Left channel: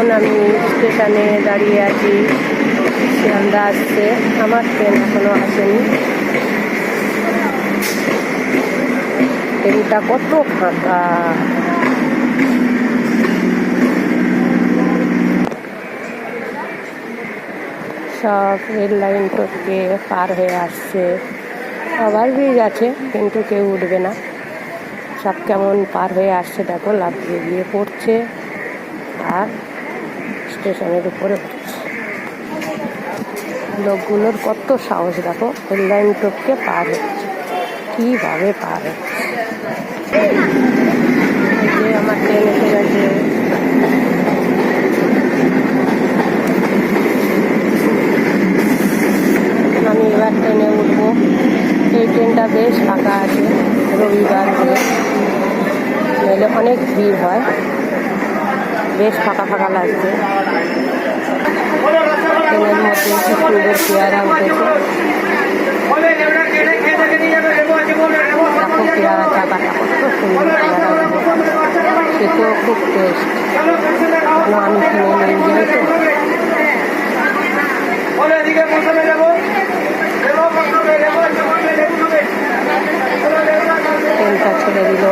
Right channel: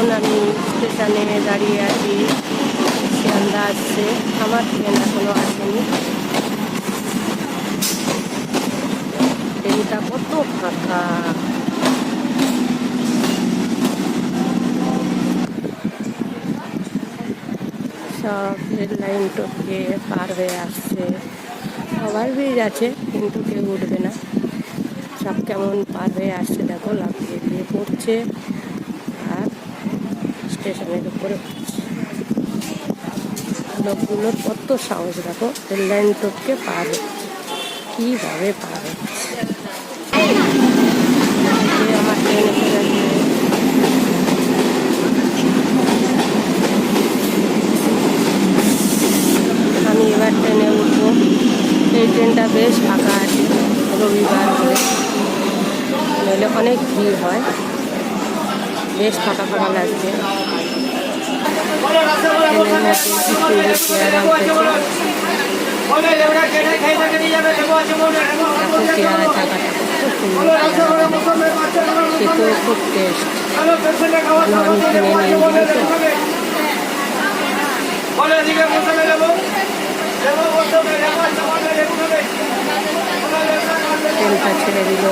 এখন আমি স্টেশনে দাঁড়িয়ে আছি, শিয়ালদা আসছে, আমার ট্রেন এখনো আসেনি। ট্রেনটা কত ফাঁকা, সব রেল লাইন টপকে পার হয়ে আসছে। ওভারব্রিজ আছে কিন্তু কেউ উঠবে না, সব কেমন পার হয়ে আসছে দেখো, লাফিয়ে গিয়ে পড়ছে আর স্টেশনের উপরে পড়ছে। লোকগুলোর কত সাহস দেখো, রেল লাইন টপকে পার হচ্ছে, কীভাবে পার হচ্ছে। আমার ট্রেন এসে গেছে। আমি এবার ট্রেনে উঠবো। এই ট্রেনটা বেশ ফাঁকা আছে, রবিবার বলে, নইলে অনেক ভিড় হয়। বেশ ফাঁকা ফাঁকা লাগছে। ট্রেনের মধ্যে কি সুন্দর পেয়ারা উঠেছে, দেখো পেয়ারা জায়গাটা কত সুন্দর, পেয়ারা খেতেও খুব টেস্ট। আমি কিনে নিয়ে যাই তো। ট্রেনটা ছেড়ে দিল।